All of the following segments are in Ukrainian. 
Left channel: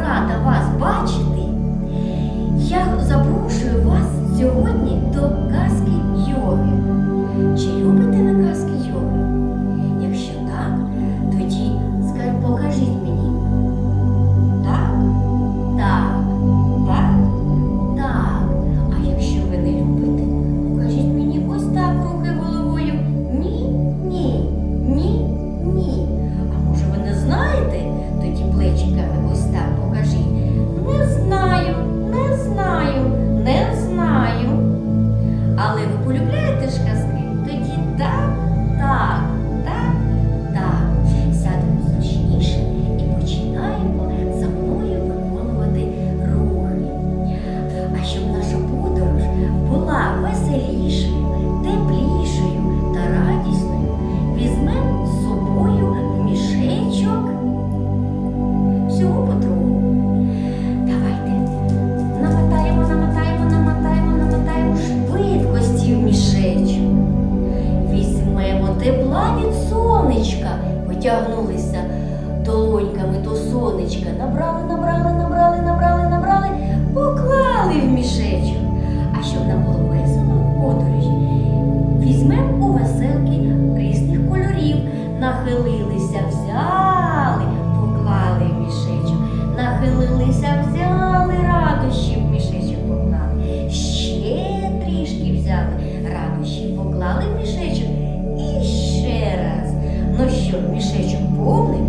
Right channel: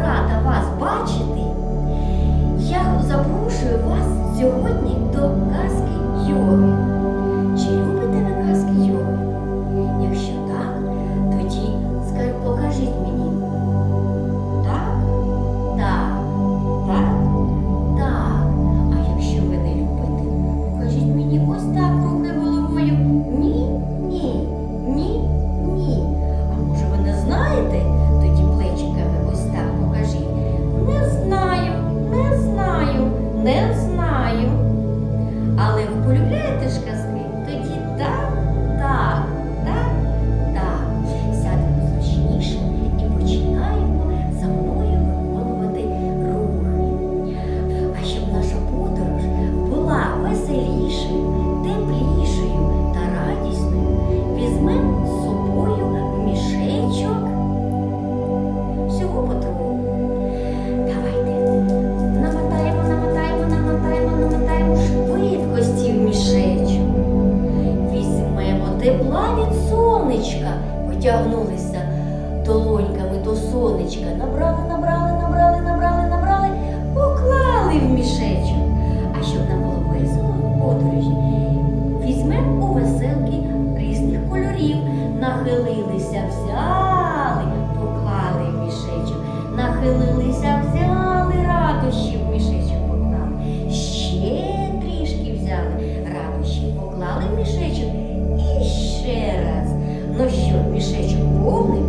рада вас бачити. Потягнулися долоньками до сонечка, набрали, набрали, набрали, набрали, набрали, поклали в мішечок. А щоб нам було весело в подорожі, візьмемо у веселки різних кольорів, нахилилися, взяли, поклали в мішечок, нахилилися, взяли, Ну мішечок повний?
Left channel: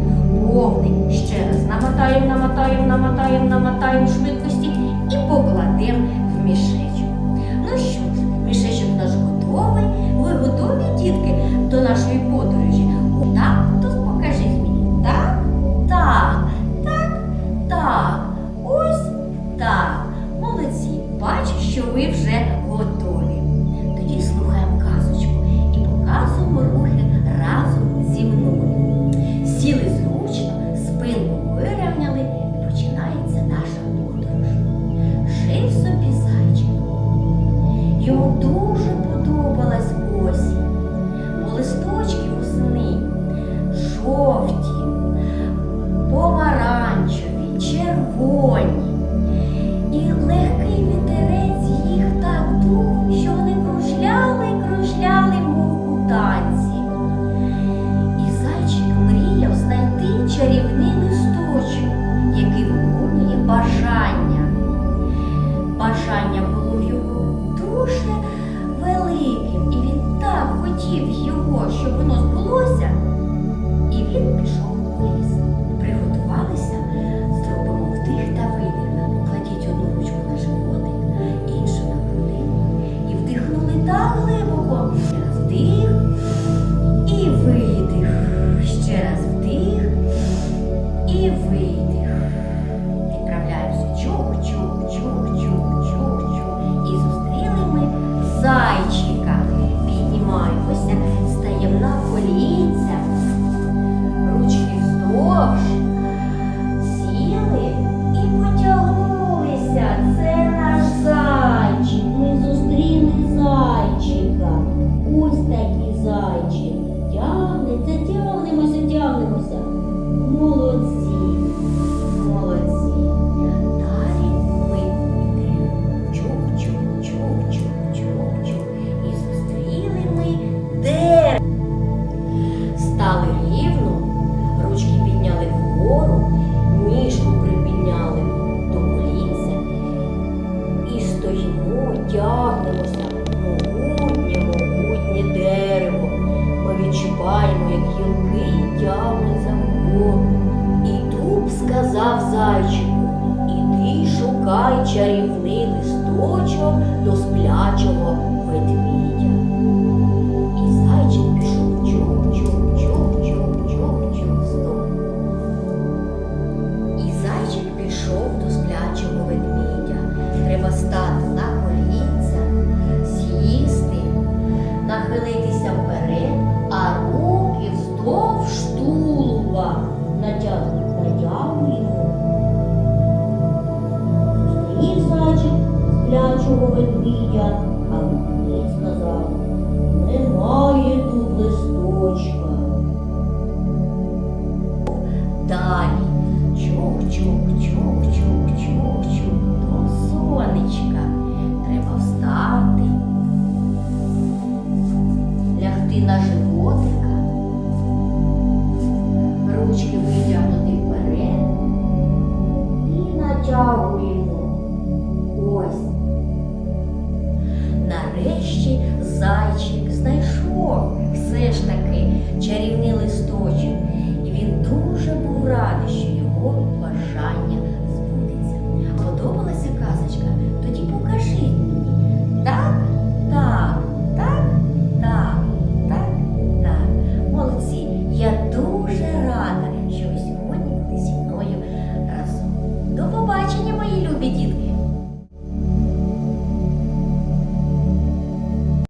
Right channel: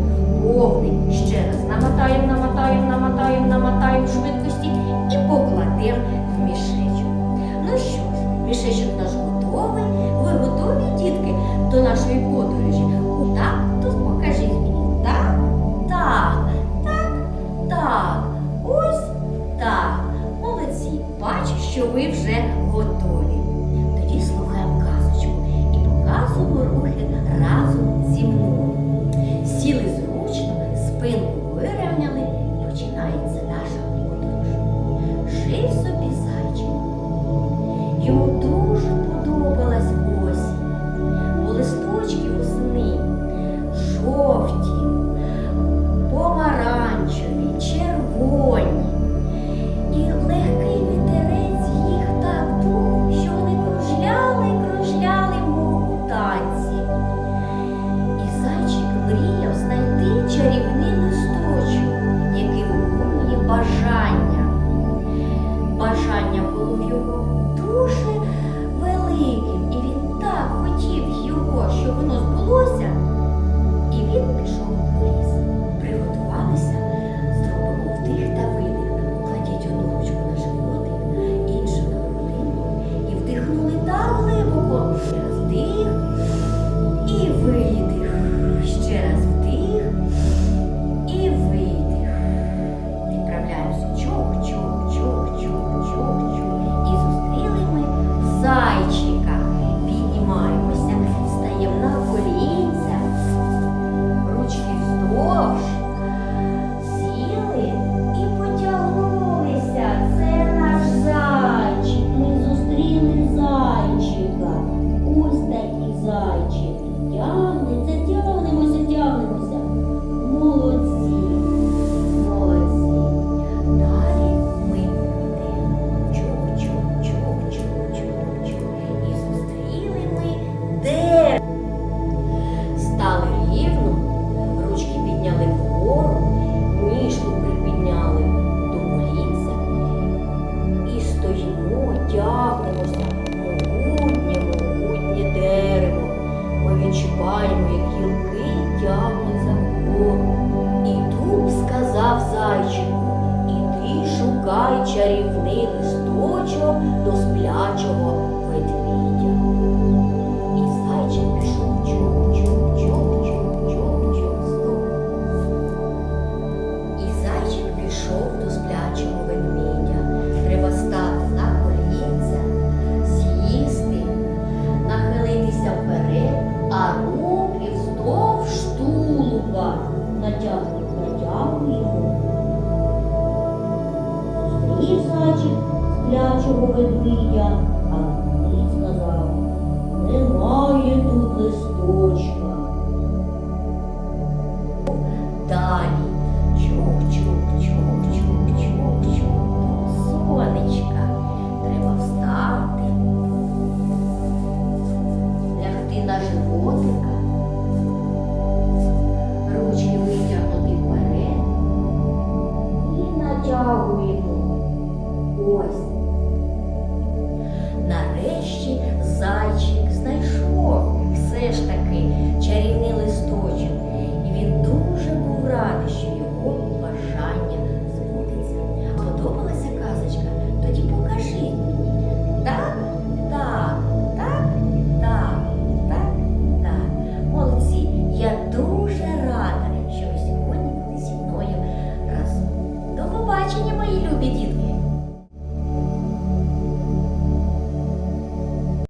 Повний. Ще раз намотаємо, намотаємо, намотаємо, намотаємо швидкості і покладемо в мішечок. Ну що ж, мішечок наш готовий. Ви готові, дітки, до нашої подорожі? Так, то покажіть мені. Так, так, так, так. Ось так. Молодці. Бачу, що ви вже готові. Тоді слухаємо казочку і показуємо рухи разом зі мною. Сіли зручно, спинку вирівняли і починається наша подорож. Жив собі зайчик. Йому дуже подобалась осінь, бо листочки восени жовті, помаранчеві, червоні. І легкий відчуваємо, як гілки тягнуться вгору. І дуб сказав зайчику, іди шукай чарівний листочок до сплячого ведмідя. Зустрів зайчик сплячого ведмідя, а ведмідь сказав, немає тут листочка. Далі чух, чух, Чух-чух-чух-чух до сонечка. Треба встати, лягти на животика, Ось. Нарешті зайчик знайшов все ж таки чарівний листочок, і він дуже був радий, що